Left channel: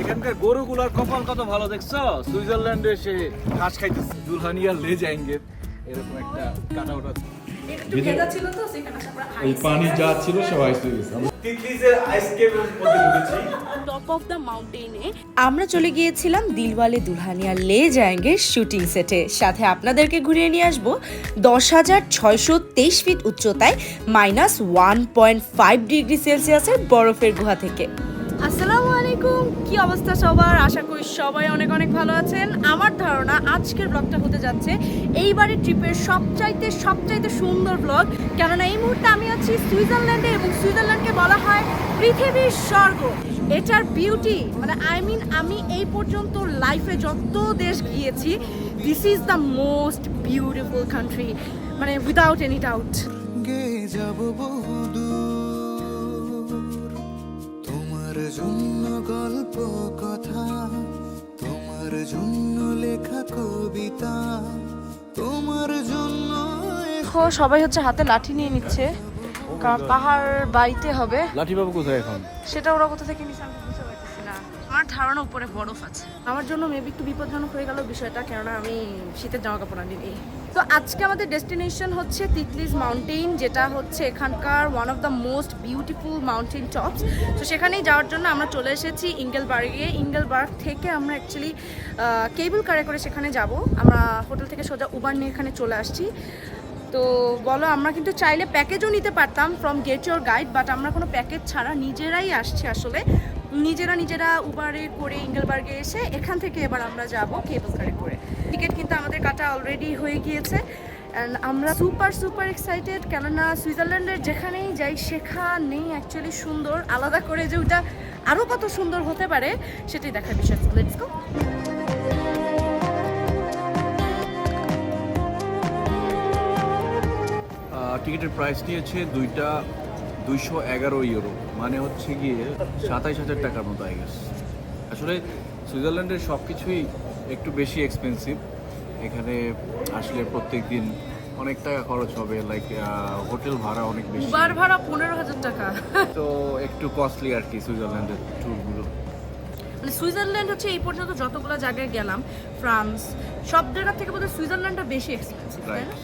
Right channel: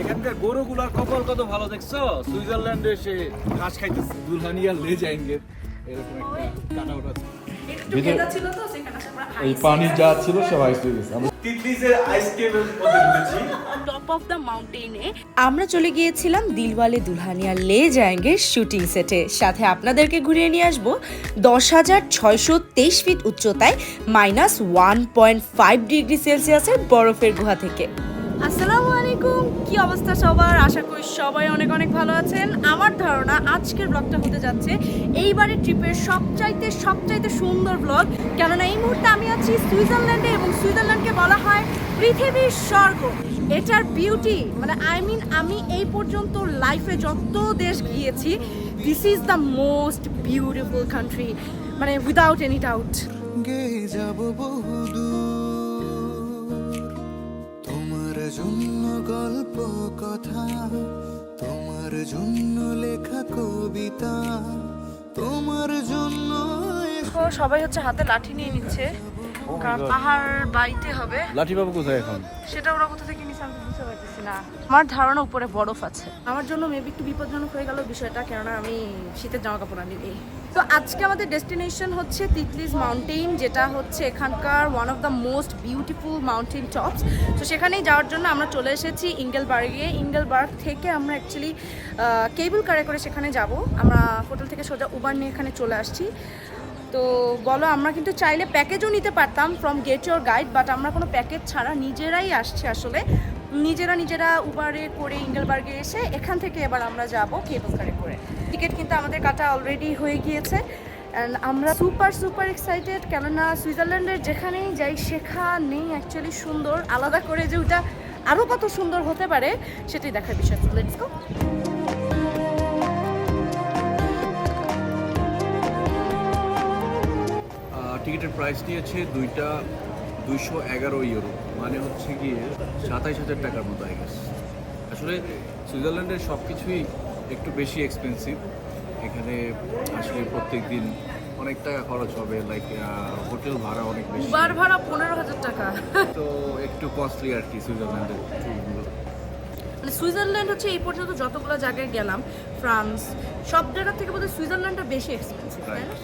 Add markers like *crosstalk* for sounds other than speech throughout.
এখানকার গরুগুলার কপাল কত ভালো দেখছ? সুইজারল্যান্ডে এসে ঘাস খাইতেছে। দুলহানিয়া লে যাইঙ্গে। এরকম একটা কাটা ওটা। ছিল তো সেখানে এই পানি যা ছিল সব আইসে গেছে। তিতলিজের আইসক্রিম মধ্যে টপ অফ দ্য মাউন্টেনে আমরা চলে গিয়েছিলাম দিলওয়ালে দুলহানিয়া লে জায়ঙ্গের শুটিং সেটে সাথে আপনাদেরকে ঘুরিয়ে নিয়ে আসব। দশ হাজার ছয়শো তেইশ ফিট উচ্চতায় minus one point five degree সেলসিয়াসের বরফের গুহা থেকে। আসসালামু আলাইকুম। কি অবস্থা সবার? আশা করি সবাই অনেক অনেক ভালো আছেন। আমার ধারণা আজকের ব্লগটা হতে যাচ্ছে এইবারের ট্রিপের সবচাইতে সবচাইতে সুন্দর ব্লগ কেননা এই মুহূর্তে আমি আছি সুইজারল্যান্ডে এবং সুইজারল্যান্ডকে বলা হয় পৃথিবীর স্বর্গ। এটার বিউটি মানে আই মিন আমি এই পর্যন্ত লাইফে যত দেশ গিয়েছি this is the most beautiful country মানে উইদাউট এনি ডাউট গে যাব জন্য গল্প কথা তোমার জন্য লেখা কবিতা তোমার জন্য এখন সবাই হচ্ছে হাতে লাঠি নিয়ে নিচ্ছে। কারণ পাহাড় বাইতে হবে। লাঠি বাবু কোথায় এখন? সেটা ওরা কোথা থেকে নিচ্ছে আমি বুঝতে পারতেছি না। আমার ধারণা উপরে বরফ আছে। আমার জন্য মেবি একটু বিপজ্জনক হয়ে গেল বিষয়টা কেননা আমি শীতের জামা কাপড় আনিনি। তো আজকে আমাদের ডেস্টিনেশন হচ্ছে তিতলিজ মাউন্টেন যেটা হচ্ছে এখানকার one of the most beautiful mountain tops তো সেখানেই যাওয়ার জন্য আমরা চলে এসেছি ইঙ্গেলবার্গে। ইঙ্গেলবার্গ থেকে আমরা অ্যাকচুয়ালি কেবল কারে করে সেখানে যাব। আমরা হোটেল থেকে সোজা উবার নিয়ে এখানে চলে আসছি। তো বলো, আমরা কিন্তু চাইলে প্যাকেজও নিতে পারতাম from get your guide but আমরা কোনো প্যাকেজ ছাড়া নিজেরাই আসছি আসলে। নিজেরা নিজেরা উবারে করে ইঙ্গেলবার্গে এসে এখান থেকে এবার আমরা যাব কেবল কারে করে। টিকিট কিন্তু আমাদের কাটা অলরেডি হয়ে গিয়েছে। অ্যান্ড আমরা সুপার সুপার এক্সাইটেড কেননা সুইজারল্যান্ডের যেখানেই যাই, সেখানেই অ্যাকচুয়ালি সুন্দর। আলাদা করে যে ওটা আরও কত সুন্দর হতে পারে, সেটাই দেখার বিষয়। লেটস গো টিকিটের প্রাইস নিয়েছে দুইটা দুইশো এগারো ইউরো মানে হচ্ছে গিয়ে সাতাইশ হাজার টাকার মতো আই গেস আসলে সুইজারল্যান্ডের সব কিছুই একটু বেশি এক্সপেন্সিভ এখানে আসলে প্রত্যেক দিন অনেক টাকা খরচ হবে লাইক হোটেল ভাড়া অনেক বেশি। উবার ভাড়া পনেরো হাজার টাকা। তো একটু কস্টলি আর কি সুইজারল্যান্ডের ট্যুরগুলো মানে সুইজারল্যান্ড হচ্ছে এই পর্যন্ত যতগুলো জায়গায় গেলাম ফ্রান্স সব জায়গা থেকে বোধহয় সুইজারল্যান্ডটা বেশি এক্সপেন্সিভ তাই না?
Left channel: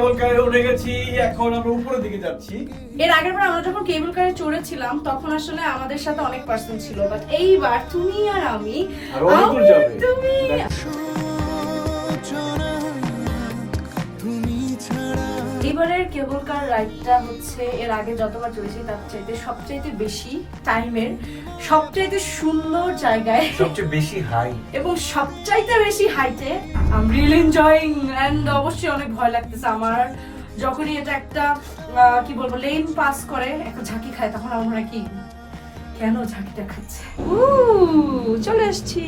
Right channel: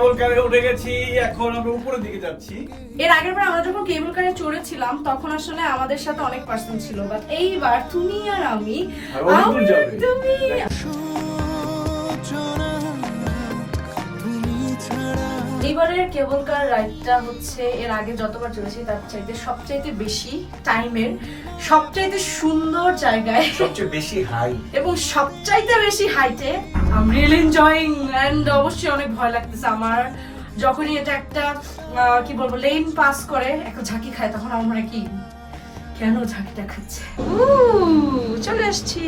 কেবল কারে উঠে গেছি এখন আমরা উপরের দিকে যাচ্ছি। এর আগের বার আমরা যখন কেবল কারে চড়েছিলাম তখন আসলে আমাদের সাথে অনেক পার্সন ছিল। বাট এইবার তুমি আর আমি তুমি ছাড়া এবারের কেবল কার রাইডটা হচ্ছে এর আগে যতবার চলেছি তার চাইতে সবচাইতে বেশি টাইমের সবচাইতে সুন্দর জায়গায় সবচেয়ে বেশি হাই এবং সবচাইতে বেশি হাইটে আই রিয়েলি এনজয়িং এন্ড অবশ্যই অনেক ভয় লাগতেছে আমার। যখনই এটা একটা আহ, কি বলব লেন পাস করে একটা ঝাঁকি খায় তখন আমার মনে কি কেন ঝাঁকিটা খাচ্ছে উহ, চলে আসছি।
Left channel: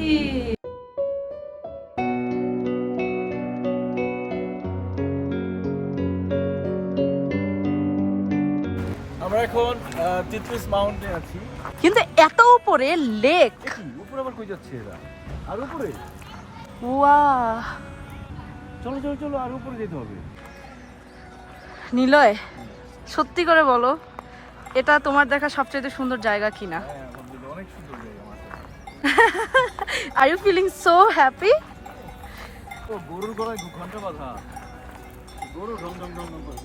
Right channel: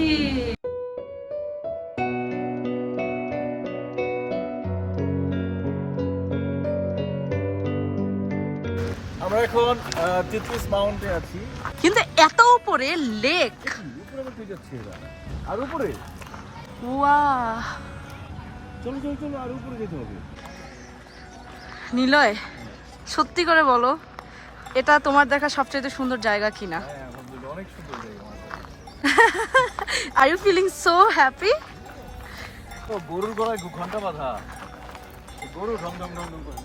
এখন তিতলিস মাউন্টে আছি। কিন্তু এত উপরে লেক উপরে আবার কই যাচ্ছে এরা? আর উপরে? ওয়া চলো চলো চলো আর উপরে যেতে হবে। নিলয় সত্যি করে বলো এটা তোমার দেখা সবচেয়ে সুন্দর জায়গা কিনা? হ্যাঁ অনেক সুন্দর জায়গা are you feeling so happy গরুর গলায় দু ঘণ্টা বাঁধা। গরু ঢং ঢং ঢং ঢং?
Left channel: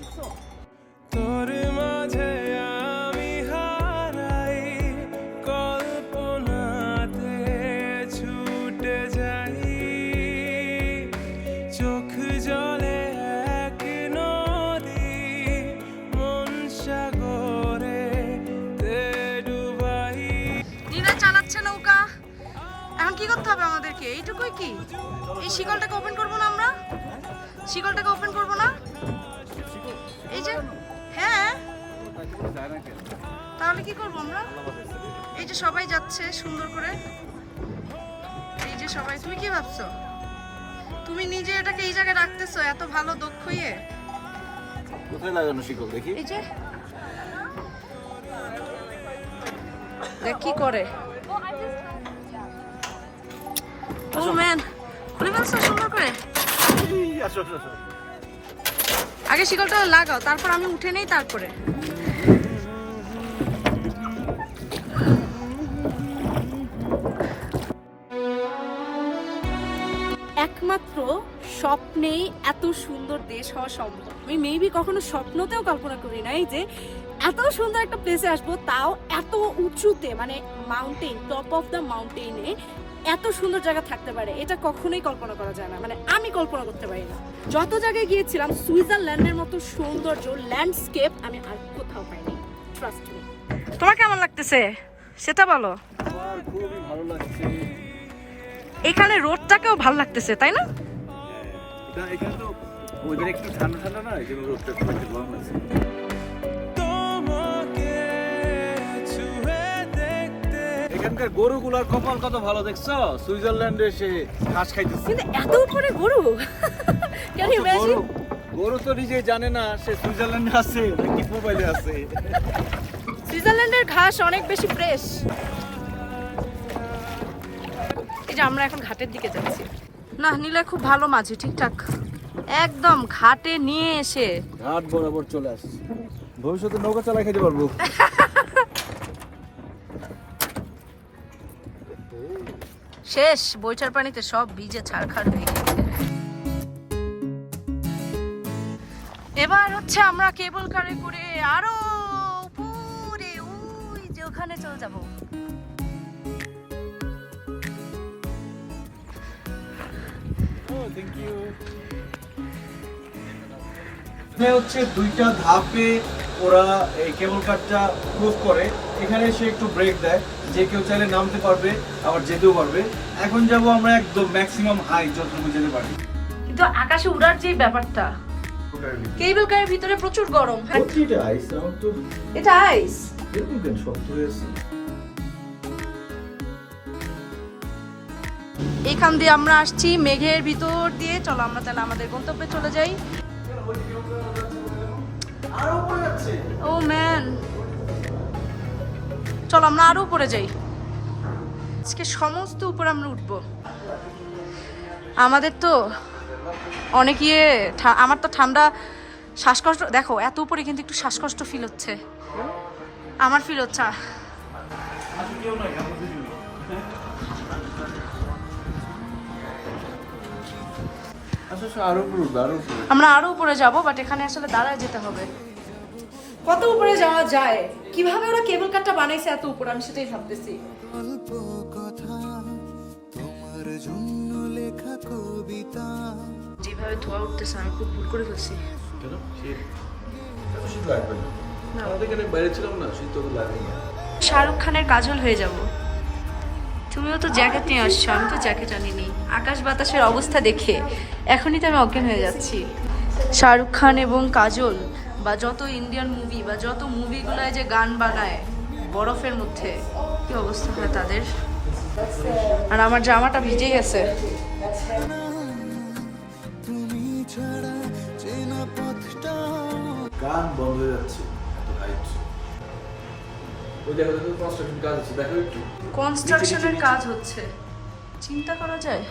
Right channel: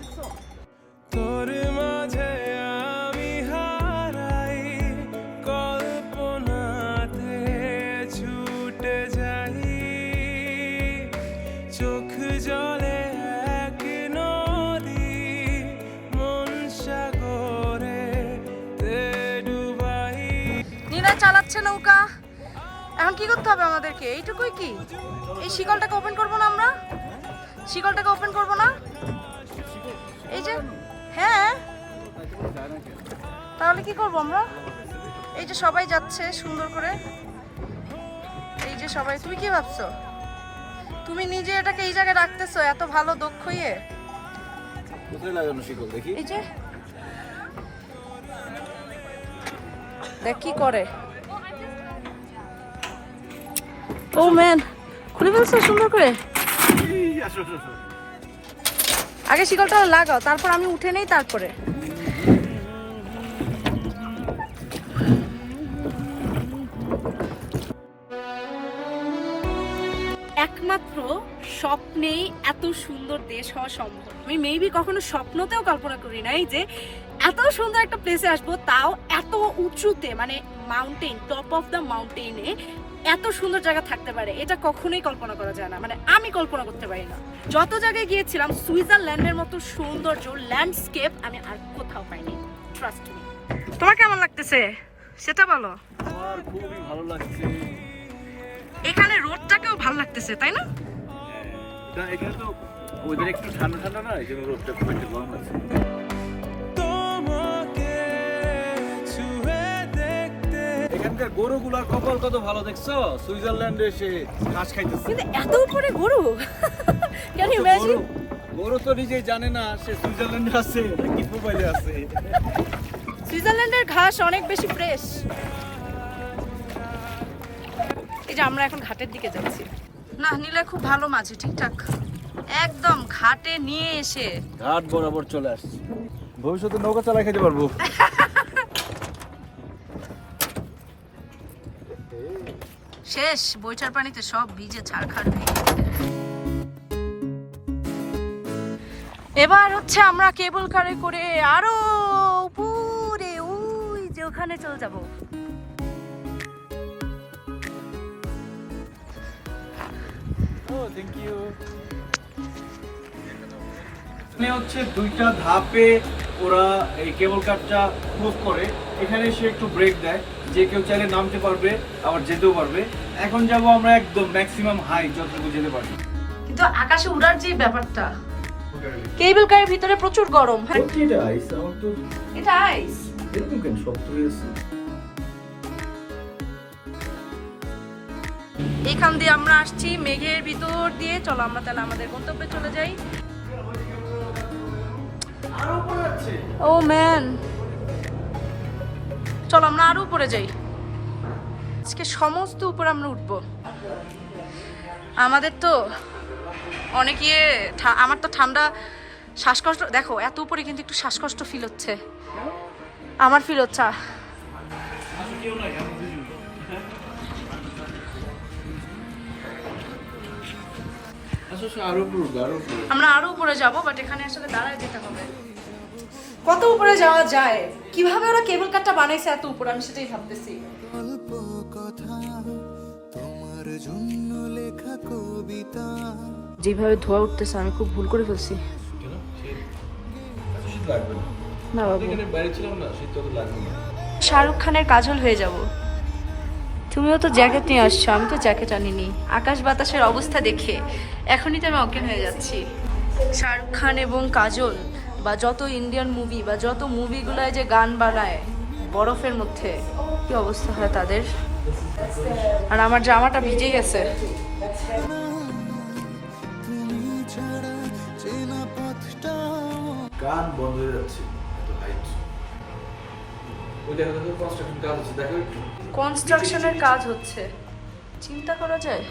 তোর মাঝে আমি হারাই, কল্পনাতে ছুটে যাই। চোখ জলে এক নদী, মন সাগরে ডুবাই। নীরা চালাচ্ছে নৌকা। এখন কি করতে হবে আমাদেরকে? এইটুকুই কি? এই শিকলটাকে ওপেন করব না আমরা? শিকলটাকে ওপেন করব না? এই যে হ্যাঁ? তাহলে কি করব আমরা? এই যে সবাই যাচ্ছে সুন্দর করে। এই যে সবাই তুমি কি ভাবছ? তুমি নিজে এটাকে এই জায়গায় রাখতেছো এত ভালো দক্ষ ইয়ে? কোথায় লাগানো দেখি? এই যে। দেখ কি করে। ও ম্যান খুলে ফেলছো সুন্দর করে? আসো আসো আসো। আগে শিকলটা লাগাও, তারপর আমি উঠে নেই, তারপরে। একমাত্র স্বপ্নেই এত সুন্দর দেশ হওয়া সম্ভব। আমি মেবি কখনো স্বপ্নতেও কল্পনা করি নাই যে এত সুন্দর একটা প্লেসে আসব তাও এত উঁচুতে মানে মাউন্টেন টপ অফ দ্য মাউন্টেনে এত সুন্দর জায়গা থাকতে পারে এটা কখনোই কল্পনা করা যায় না মানে আমি কল্পনা করতে পারি না। যত জায়গায় গিয়েছিলাম সুইজারল্যান্ডের মতো সৌন্দর্য ল্যান্ডস্কেপ আমি আর কোথাও পাইনি ট্রাস্ট মি তোমার কেমন লাগতেছে? সেটা বলো। আমার খুবই ভালো লাগছে। এখানে রোডটাকেও ভালো লাগতেছে তাই না? এটা এখানে তো ওদের একটু ঠান্ডা ঠান্ডা না এই জন্য রোদটা খুব একটা গরম লাগছে এখানকার গরুগুলার কপাল কত ভালো দেখছ? সুইজারল্যান্ডে এসে ঘাস খাইতেছে। কিন্তু এত উপরে গরু? ক্যান ইউ ইমাজিন গরু- গরু তো নিজেই জানে না সে সুইজারল্যান্ডে আছে নাকি মোবাইলে আছে। সুইজারল্যান্ডের ঘাস অনেক বেশি ফ্রেশ এই যে আমরা এখন ঘাটের দিকে যাচ্ছি। না নিলে খুব ভালো মাঝে ঠিকঠাক। একদম ঘাটে নিয়ে এসে। ঘাট বরাবর চলে আসছে। ভবিষ্যতে নৌকা চালাই খেতে পারব। *laughs* শেষ বইটার পানিতে সব ভিজে ছাড়খাড় হয়ে। এবার হচ্ছে আমরা কেবল কারে করে আরও উপরে, ওই যে ওখানে চলে যাব। এখানে হচ্ছে দুইটা ধাপে ওরা এই কেবল কারটা মুভ করে। এখানে এসে একটু ব্রেক দেয়। যে কেউ চাইলে নামতে পারবে, আবার যেতেও পারবে। এখন যাব আমরা একদম ম্যাক্সিমাম হাই যতটুকু যেতে পারি। কিন্তু আকাশে উড়ার যে ব্যাপারটা কেবল কারের ভিতরে প্রচুর গরম হ্যাঁ? এটা আইস আমার তো? এটা আইস এরকম কেন? শক্ত হয়ে আছে এখান দিয়ে আমরা আসছি মেঘের ভিতর দিয়ে। চলো আমরা তাহলে আমাদের গন্তব্যে চলে যাই। ও ম্যান চলো আমরা আরও উপরে যাই। আজকে সমস্ত উপরে আমরা উঠবো। আমাদের তো অনেক ইয়ে আমার তো ঠান্ডা শ্বাসকষ্ট দেখো এত উপরে কিন্তু একটু শ্বাসকষ্ট ফিল হচ্ছে। আমার ফিল হচ্ছে আমরা আরও উপরে যাব বাট এখানে আসলে দাঁড়ায় যেতে হবে। কত উপরে যাওয়া যায়? কীভাবে ওরা কেবল কারটা বানাইছে এত উপর? আমি সেটাই ভাবতেছি। গল্প কথা তোমার জন্য লেখা কবিতা। যেভাবে ধোয়া উঠতেছে আমি খুব ভুল করে ফেলছি। না। শাহরুখ খানের কাজল হয়ে যাব। তুমিও তো জ্যাকেট নিয়ে আসছো আমি তো জ্যাকেট আনিনি। আকাশ বাতাসের অবস্থা দেখে এখনই তো আমি অজ্ঞান হয়ে যাচ্ছি। শাহরুখ খান এবং কাজল বা যত ইন্ডিয়ান মুভি বা যত মুভিগুলোয় যে গান বানায় বরফের মধ্যে কি অবস্থা হয় তাদের? আর আমার জামাটা ভিজে গেছে তুমি ছাড়া চেনা পথটা গান বন্ধ হয়ে যাচ্ছে কনস্ট্রাকশনের কাজ হচ্ছে। চিন্তা করা যায়?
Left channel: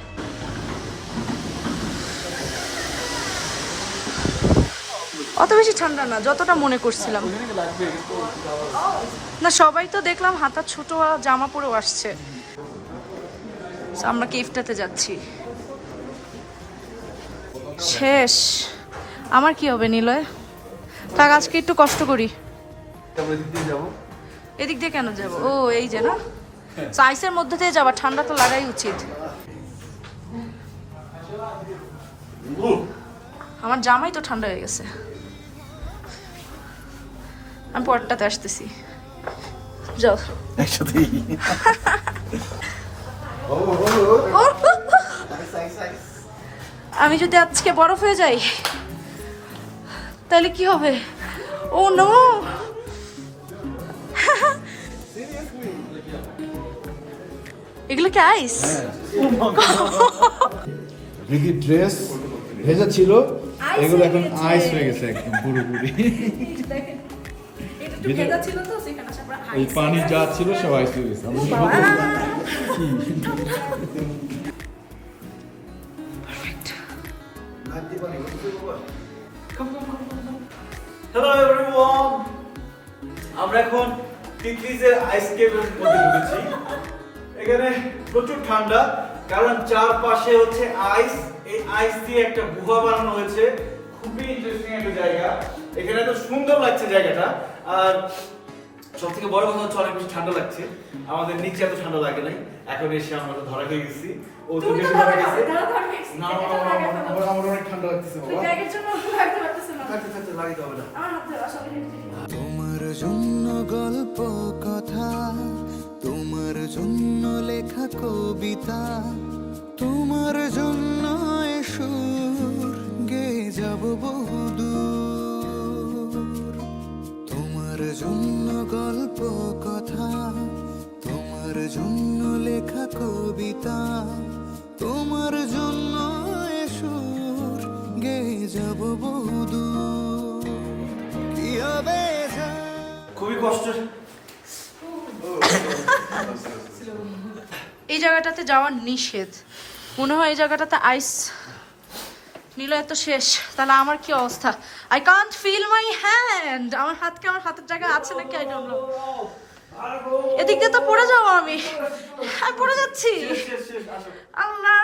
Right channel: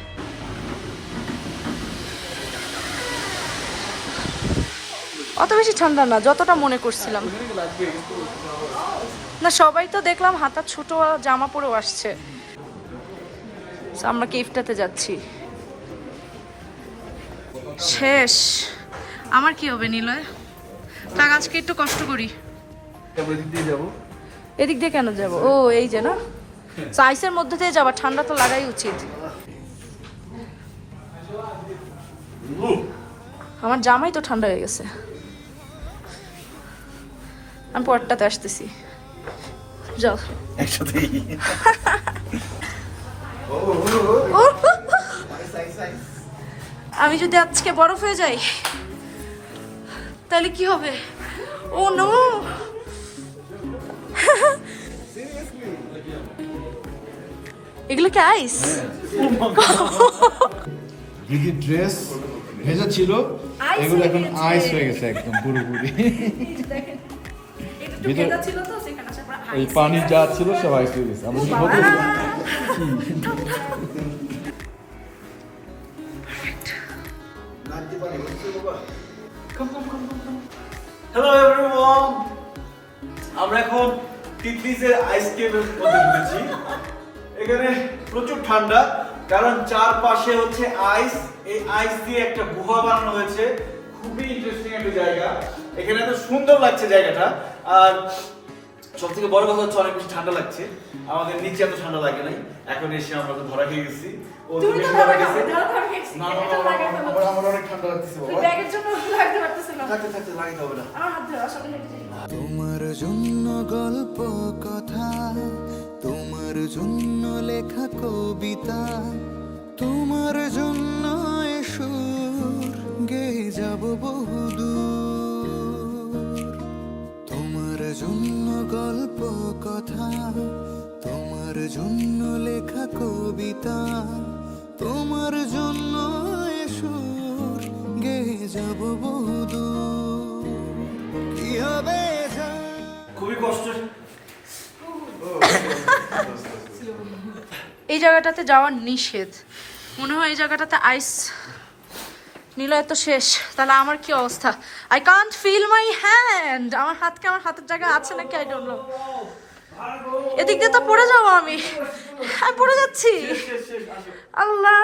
অত বেশি ঠান্ডা না যতটা মনে করছিলাম। না সবাই তো দেখলাম হাতা ছোট জামা পরেও আসছে। আমরা কেফটাতে যাচ্ছি? শেষ। আমার কি হবে নিলয়? থাক আজকে একটু কষ্ট করি। এদিক দিয়ে কেন যাব? ও এই যে না? So, আইসের মধ্যে দিয়ে যাবা ঠান্ডা তো লাগাই উচিত। আমার জামাই তো ঠান্ডা হয়ে গেছে। আমি পরটাতে আসতেছি। যাও। আমি যদি আজকে বরফ হয়ে যাই তাহলে কি হবে? ও নো এগুলো কি আইস দিদি ড্রেস ভেজা ছিল এগুলো এখন আইস হয়ে গেছে একদম পুরোপুরি। দেখেন। একটু ভেজা ছিল তো সেখানে আসার পর এই পানি যা ছিল সব আইস হয়ে। হ্যালো এভরিওয়ান আমরা এখন তিতলিজের এখানে প্রচুর ঠান্ডা কারণ চারপাশে হচ্ছে আইস এই আইস দিয়ে একটা গুহা বানানো হয়েছে। খুবই ইন্টারেস্টিং একটা জায়গা। এখানে তো সুন্দর লাগছে জায়গাটা। আর সব থেকে বড় কথা হচ্ছে অনেক বেশি ঠান্ডা লাগছে। আমাদের নিচে এত ঠান্ডা লাগে নাই। এখন এসে আমরা তো ধরা খেয়ে গেছি। ও তো বেশি ধরা ধরা গেছে ধরা ধরা খেয়েছি। না এটা তো লাগে ফেলো। আমার আমার অনেক ঠান্ডা লাগতেছে বাবা। ব্যাগের জন্য *laughs* লাগতে পারতেছিলাম থাকতে থাকতে লাগাইতে হবে না। আমার হাত ধরো, আসলে হেঁটে যাই। তোমার জন্য গল্প কথা তোমার জন্য লেখা কবিতা তোমার জন্য এ সুর গেয়ে যাব বহুদূর। জন্য গল্প কথা তোমার জন্য লেখা কবিতা তোমার জন্য এ সুর গেয়ে যাব বহুদূর কি হবে যা খুবই কষ্ট। এই জায়গাটাতে যাওয়ার নিষেধ। মনে হয় এই জায়গাটাতে আইস নিলয় তো শেষ তাহলে আমার কি অবস্থা I can't feel my hand আমার হাতকে আমার হাতের জায়গায় আছে নাকি আই ডোন্ট নো এদিক দিয়ে তো পড়ে যাব আমি আমি পড়ে যাচ্ছি আল্লাহ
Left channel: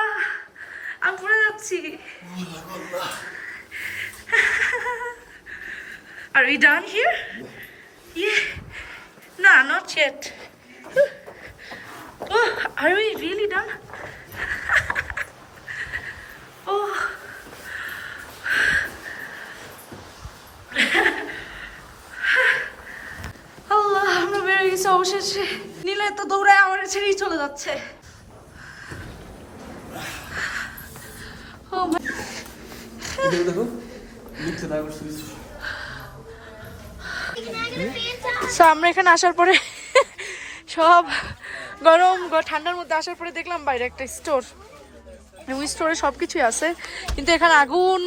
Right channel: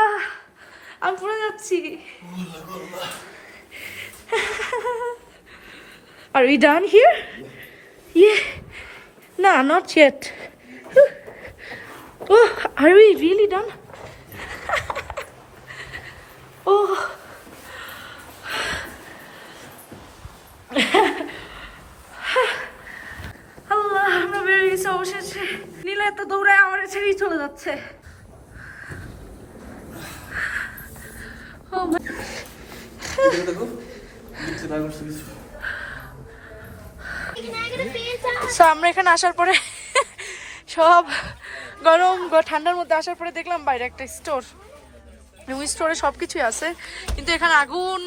আমি পড়ে যাচ্ছি Are we done here? Yeah. No, not yet. Oh, are we really done? *laughs* oh. Allah, আমরা বেড়ে গেছি অবশেষে নীলা এত দৌড়ায় আমার ছেড়েই চলে যাচ্ছে। আমরা এখানে আসার পরে সব গরম ঠান্ডার মধ্যে আসার পরে দেখলাম বাইরে একটা স্টোর ওই স্টোরে সব কিছুই আছে। কিন্তু এখানে আগুন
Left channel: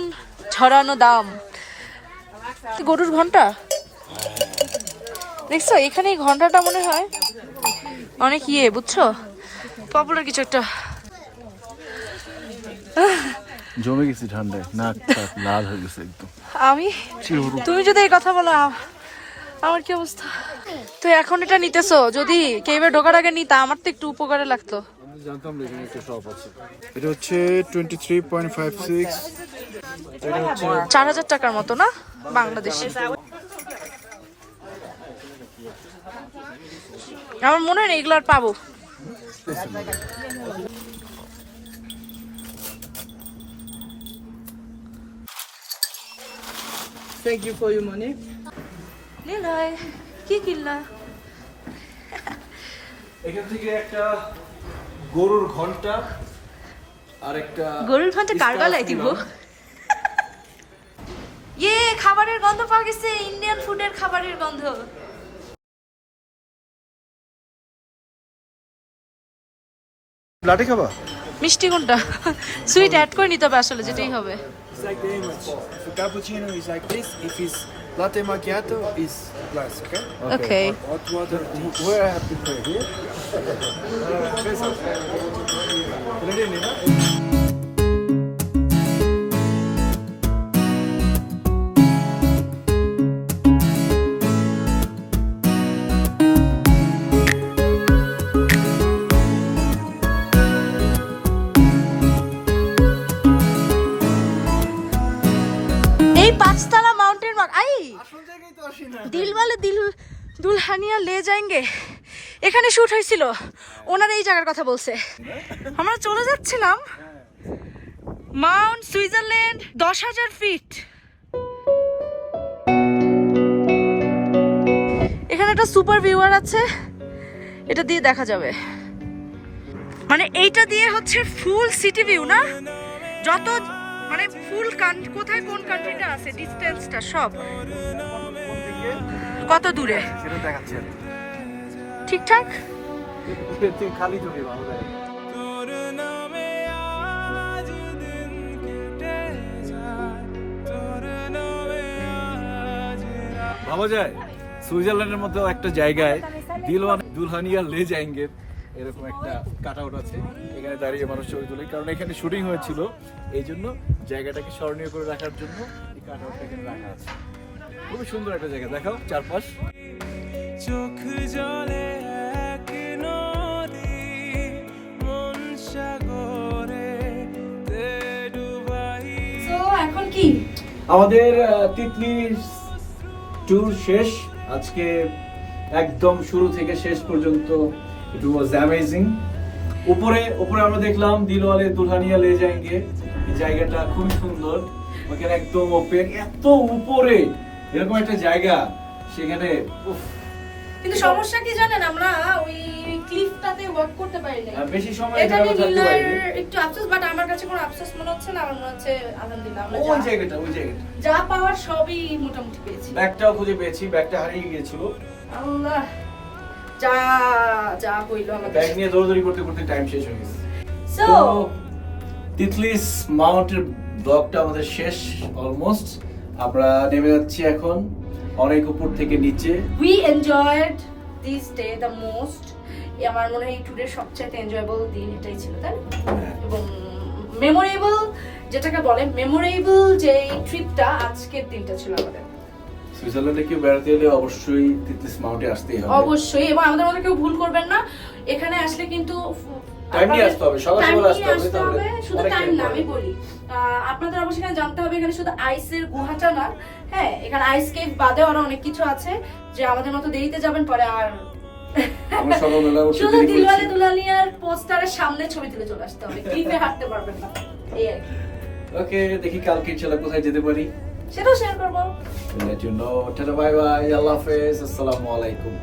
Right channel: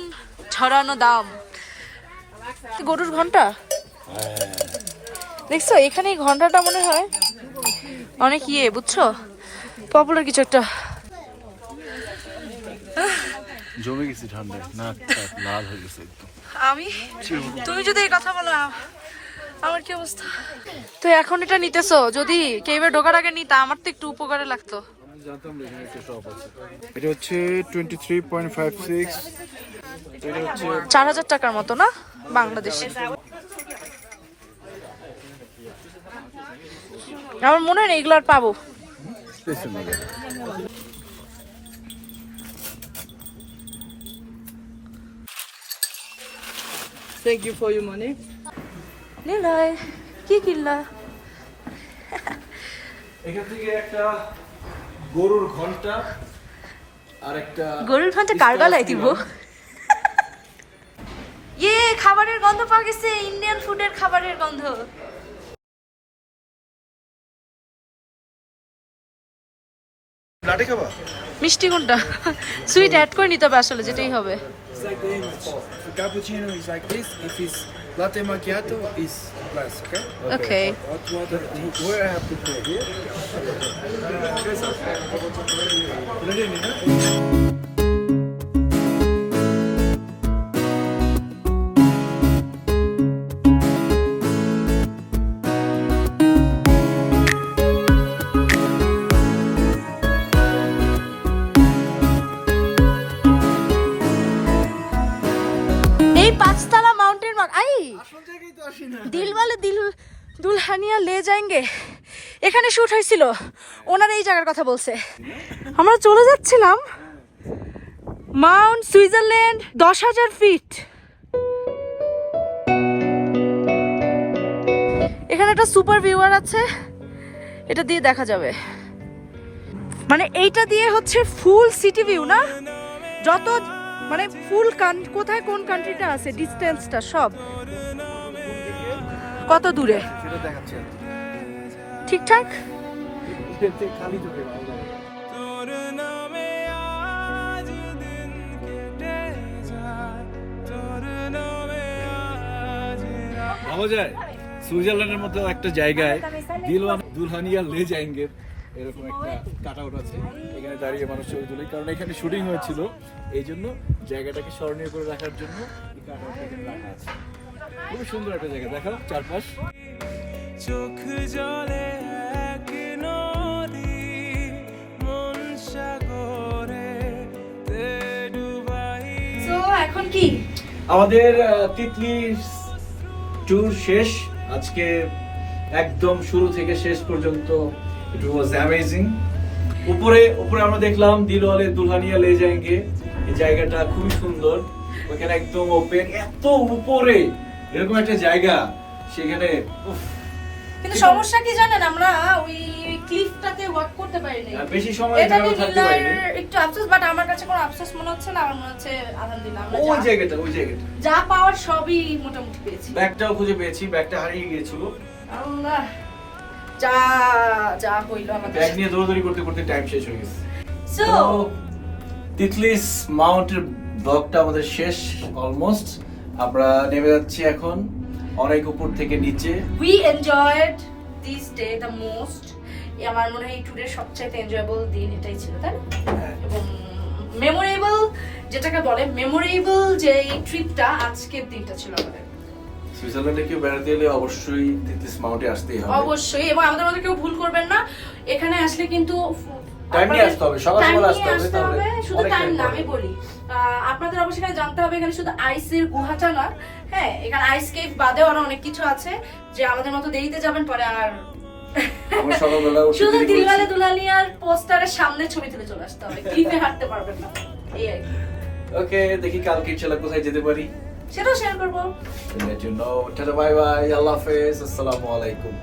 ছড়ানো দাম। গরুর ঘণ্টা? দেখছ এখানে এই ঘন্টাটা মনে হয় অনেক ইয়ে বুঝছ? পপুলার কিছু একটা। জমে গেছি ঠান্ডায়। নাক লাল হয়ে গেছে একদম। আমি? তুমি যদি এই কথা বলো আমার কি অবস্থা? তো এখন এটা নিতেছো? যদি কেবে ঢোকার আগে নিতা আমার তো একটু উপকারে লাগতো। জানতাম এখানে একটা শপ আছে। এটা হচ্ছে twenty three point five six চার হাজার টাকার মতো না? বাংলাদেশে। আমার মনে হয় এগুলো আর পাবো। Thank you for your money. Niloy কি কিনলা? এখান থেকে একটা গরুর ঘণ্টা আর একটা গরুর ঘণ্টা কার গলায় দিব? খাবারের গন্ধ পাওয়া গেছে ইন্ডিয়ান ফুডের খাবারের গন্ধ লাঠি খাবা মিষ্টি কোনটা সুইট অ্যাড করে নিতে হবে আসলে যেটাই হবে It's like the image. If a cappuccino is like this, if it's latte macchiato, is glass, okay? Okay Hot water, where I have to put here? এই দুলহানিয়া লে যাएंगे এখানে শুট হয়েছিল ওনার এই জায়গার কথা বলছে। আমরা চলে যাচ্ছিলাম। মাউন্ট সুইজারল্যান্ড দশ হাজার ফিট। এখানে একটা সুপার ভিউয়ার আছে। এটা দিয়ে দেখা যাবে। মানে এইটা দিয়ে হচ্ছে ফুল সিটি ভিউ, না? যত মানে ফুল কোথায় কোন কান্ট্রিটা আছে? ডিস্টেন্সটা সব। কত দূরে? দেখাচ্ছে ঠিকঠাক? খালি চোখে ভালো তোর নামে আজ দিন কেটে যায়। তোর নামে আজ ভাবা যায় সুইজারল্যান্ডের মতো একটা জায়গায় দিলওয়ান দুলহানিয়া লে যাएंगे এরকম একটা কাট আউট আছে। এখানে দাঁড়িয়ে মানুষ ছবি তোলে। কারণ এখানে শুটিং হয়েছিল। এই জন্য জায়গাটাকে স্মরণীয় করে রাখার জন্য এই কাট আউটটা এখানে রাখা আছে। খুবই সুন্দর একটা জায়গা। দেখাও চারপাশ। চোখ জলে এক নদী মন সাগরে এখন কি? আমাদের তিতলি ট্যুর শেষ। আজকে একদম শুরু থেকে শেষ পর্যন্ত ইট ওয়াজ অ্যামেজিং উপরে উপরে আমরা দেখলাম দিলওয়ালে দুলহানিয়া লে যাएंगे এই জায়গাটা খুবই সুন্দর। ওখানে একদম ওপেন এত উপরে! এরকম একটা জায়গা সেখানে কিন্তু সমস্যা কি জানেন আমরা ওই ক্লিফটাতে ওয়াক করতে বেশি সময় এটা নিয়ে থাকতে পারিনি একটু আফসোস বাট আমার কাছে কোনো আফসোস মনে হচ্ছে না আমার মনে হচ্ছে আলহামদুলিল্লাহ আমরা ওই জায়গাটা ওই জায়গাটা। যা পাওয়ার সবই মোটামুটি পেয়েছি। ব্যাগটাও খুঁজে পেয়েছি ব্যাগটা হারিয়ে গিয়েছিল। আমরা যা যা হইল আমাদের ব্যাগ নিয়ে দৌড়দৌড়ি করতে করতে টাইম শেষ হয়ে গেছে। সো তিতলিস মাউন্টের ব্লগটা আমাদের শেষ অলমোস্ট আমরা নেমে যাচ্ছি এখন অনেক উপর থেকে নিচে। We enjoyed this day the most আমার মনে হয় এই ট্যুরের সবচেয়ে এনজয়েবল দিন এটাই ছিল তাই এবং মেমোরেবল যেটাকে বলে মেমোরেবল যে ট্রিপটা আজকের দিনটা ছিল আমাদের। সুইজারল্যান্ডে কেউ বেড়াতে এলে অবশ্যই তিতলিস মাউন্টে আসতেই হবে। অবশ্যই এবং আমাদের মধ্যে কেউ ভুল করবেন না। এখানে আসলে কিন্তু Time নিয়ে আসতে হবে, সকাল সকাল আসতে হবে, তাহলে শুধু টাইম না আমি বলি। আপনাদের অবশ্যই এখানে জানতে হবে এখানে শুধু আইসের গুহাটা না হ্যাঁ এখানে আইস বাদেও আরও অনেক কিছু আছে যে আমাদের মতো দেরিতে যাবেন পরে আর শুধু দিলওয়ালে পোস্টারের সামনে ছবি তুলে চলে আসতে হবে ক্লিপে হাঁটতে পারবেন না। ওকে দেখি কালকে ইনশাল্লাহ কোথায় যেতে পারি। সেটাও শেয়ার করব। টাটা বাই বাই আল্লাহ হাফেজ আসসালামু আলাইকুম।